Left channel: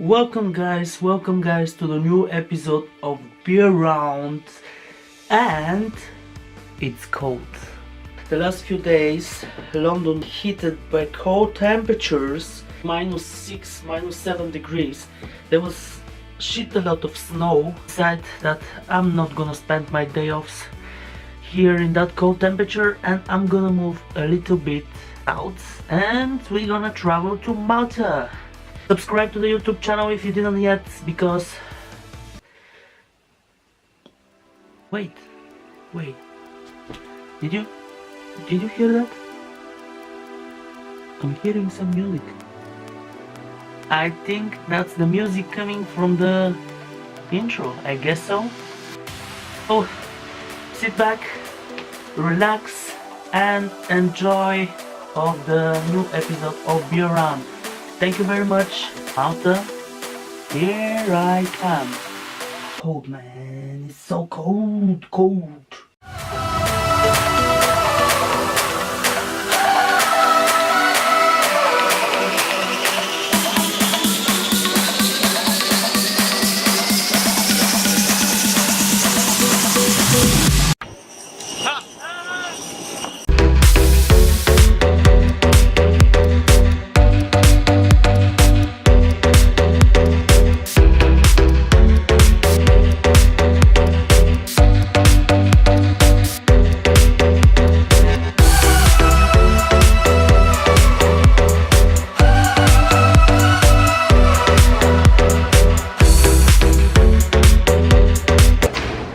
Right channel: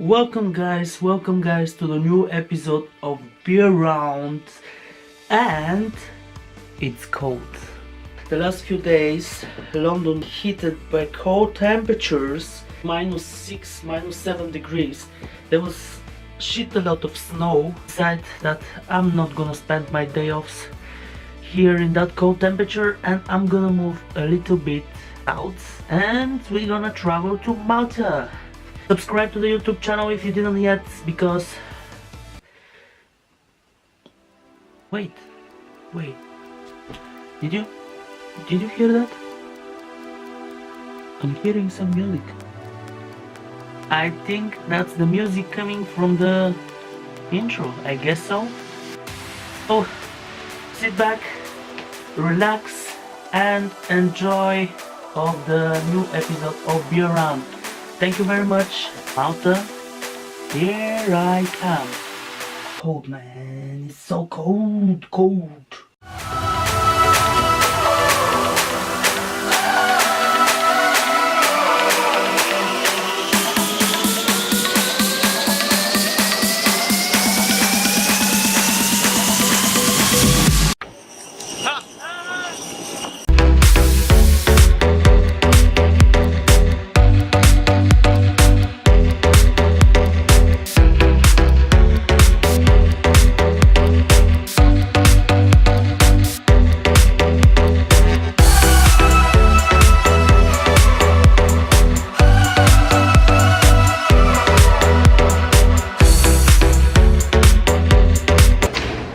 Welcome guys to the new episode of Beer Round, and it's cold. The last few days London heated by cold temperatures, -6, -7 degrees. There was shit a lot of snow. Decided that I'm not gonna spend my day offs here in that cold temperature, and I'm gonna move a little bit out and we're gonna travel to Malta. Subscribe to the YouTube channel if you didn't yet, because wait, did you hear that? I'm hearing some music. I think that's the music coming from the intro, I guess so. So sit back, relax and enjoy of the new episode of Beer Round. Thank you very much, Malta. Here I come. Cold, man. It's so cold.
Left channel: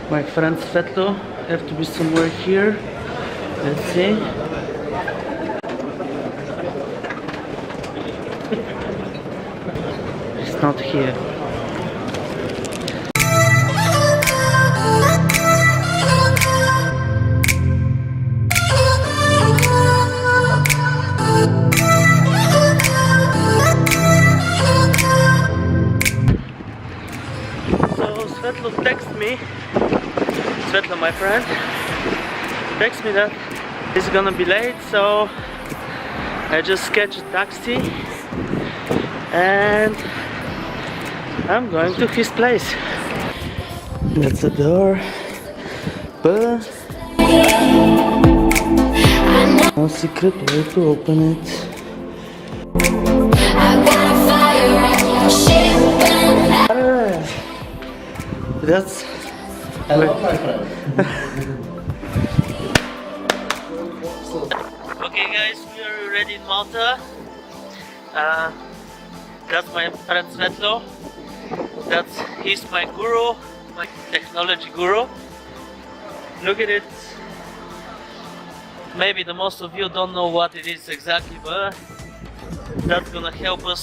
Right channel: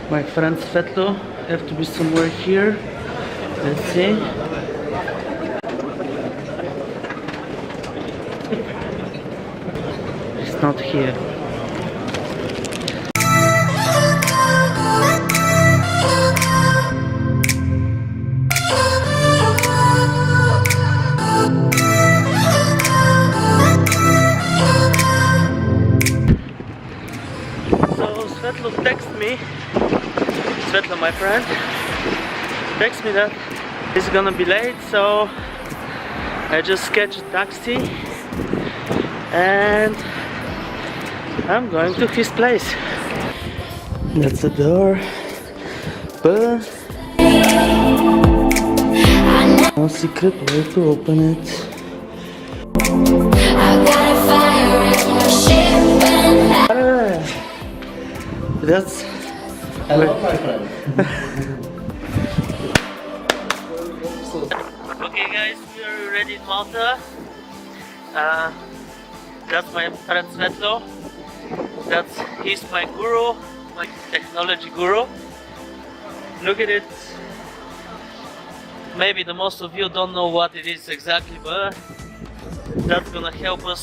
My friend Svetlio have to be somewhere here. Let's see. It's not here. So Svetlio text me. Svetlio, my friend, text me that he's gonna be late, so I just sketched a taxi and I'm going to his place. That's the door, but no secret way to open it. That's hello, my friend. Okay guys, we are already in Malta. That's my friend Svetlio. He's my guru, my technology guru. Look at it. Maybe the most of you don't know what it is exactly, but that's gonna help us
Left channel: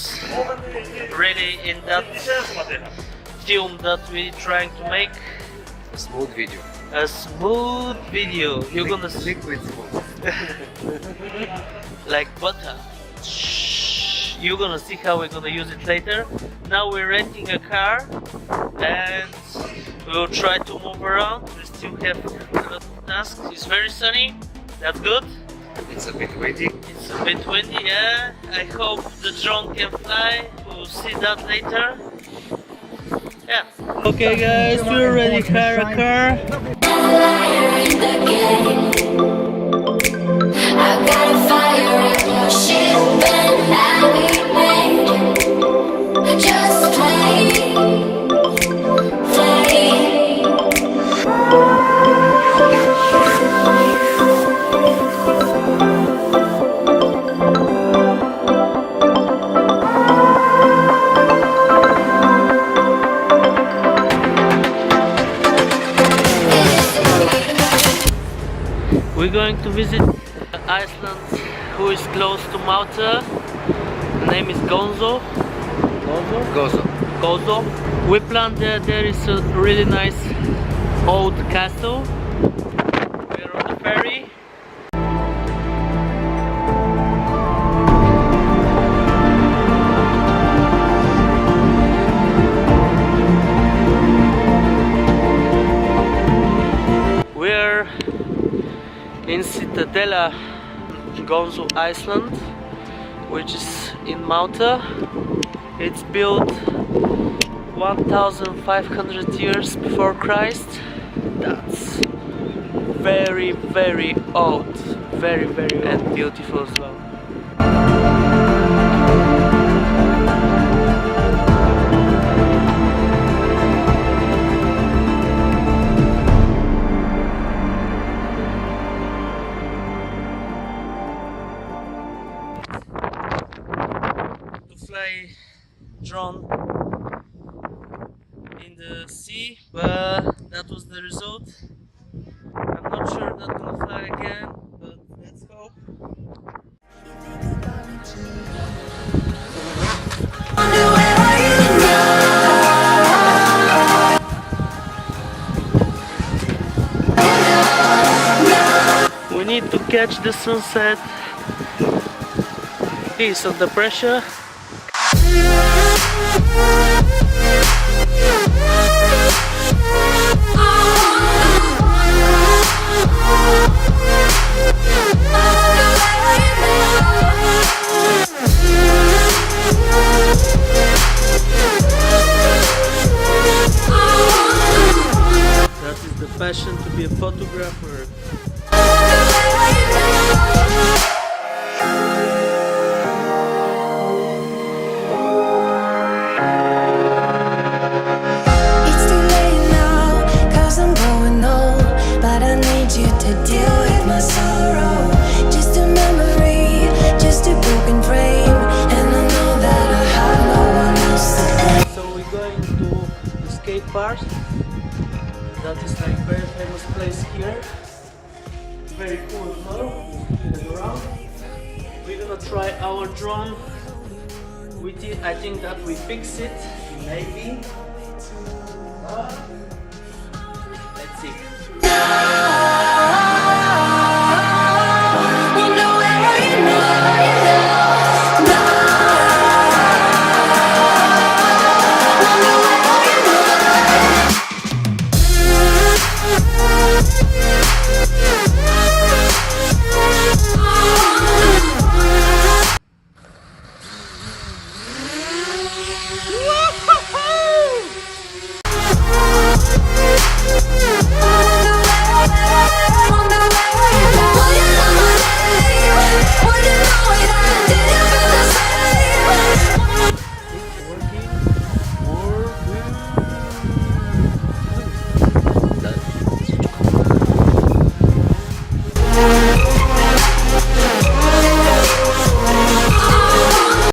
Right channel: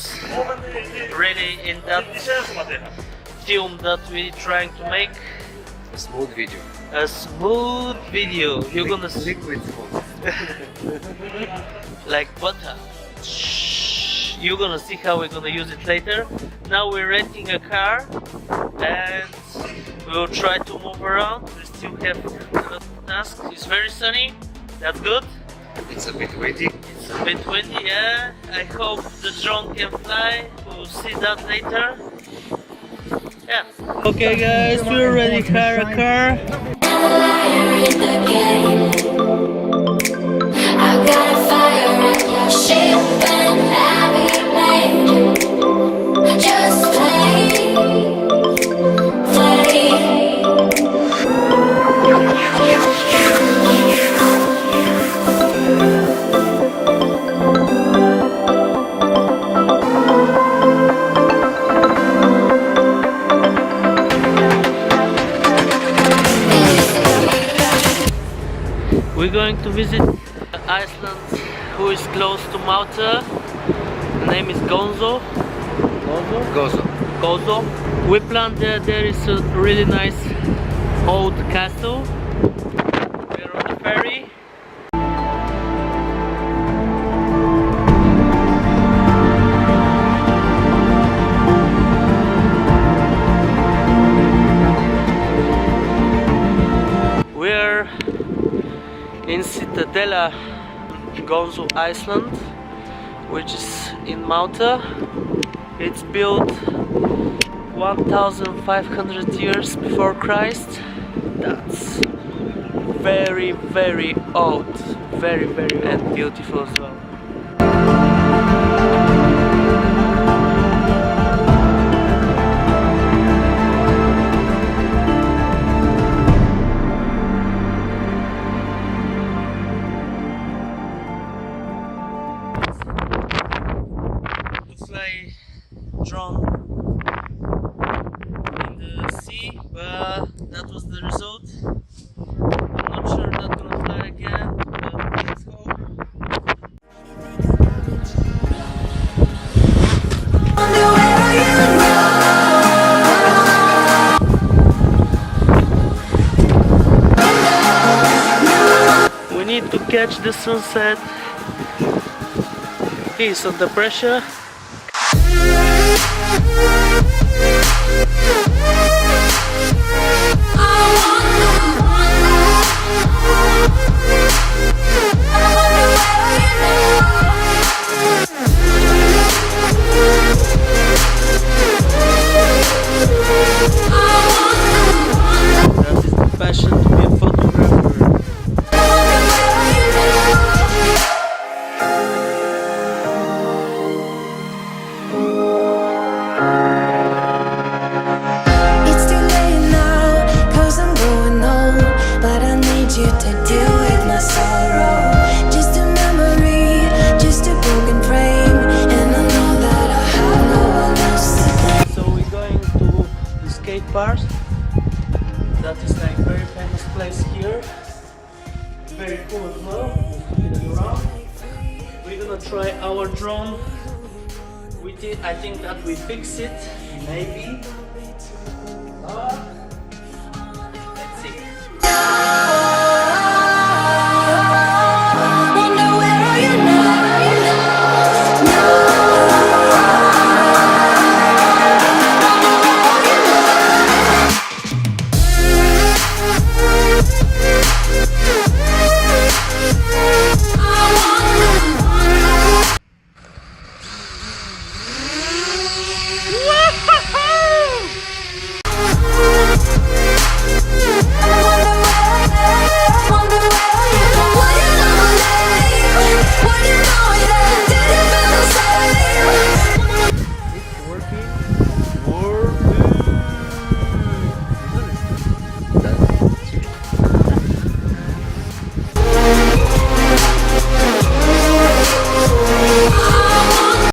really in that film that we're trying to make. A smooth video. A smooth video. You're gonna see liquid smooth. like butter. You're gonna see how we're gonna use it later. Now we're renting a car and we'll try to move around. We still have a lot of tasks. It's very sunny. That's good. It's a bit windy. It's a bit windy, yeah. I hope the drone can fly. We'll see that later. Yeah. Okay guys, we already hired a car. I got a fire at your ship and have it made. Just play. We're going to visit Iceland, who is close to Malta. The name is Gozo. Gozo. We planned there is a really nice old castle. We're on the ferry. We're in Citadella, Gozo, Iceland, which is in Malta. It's built 1,500 years before Christ. That's very, very old. Very, very old. And beautiful as well. Drone in the sea, but that was the result. I'm not sure that's gonna fly again, but let's go. We need to catch the sunset. He's under pressure. Passion to be a photographer. It's too late now, 'cause I'm growing old, but I need you to deal with my sorrow. Just a memory, just a broken frame, and I know that I have no one else to blame. So we're going to the skate park. That is like very famous place here. Very cool as well. Just looking around. We're gonna try our drone with it. I think that we fix it, maybe. Let's see.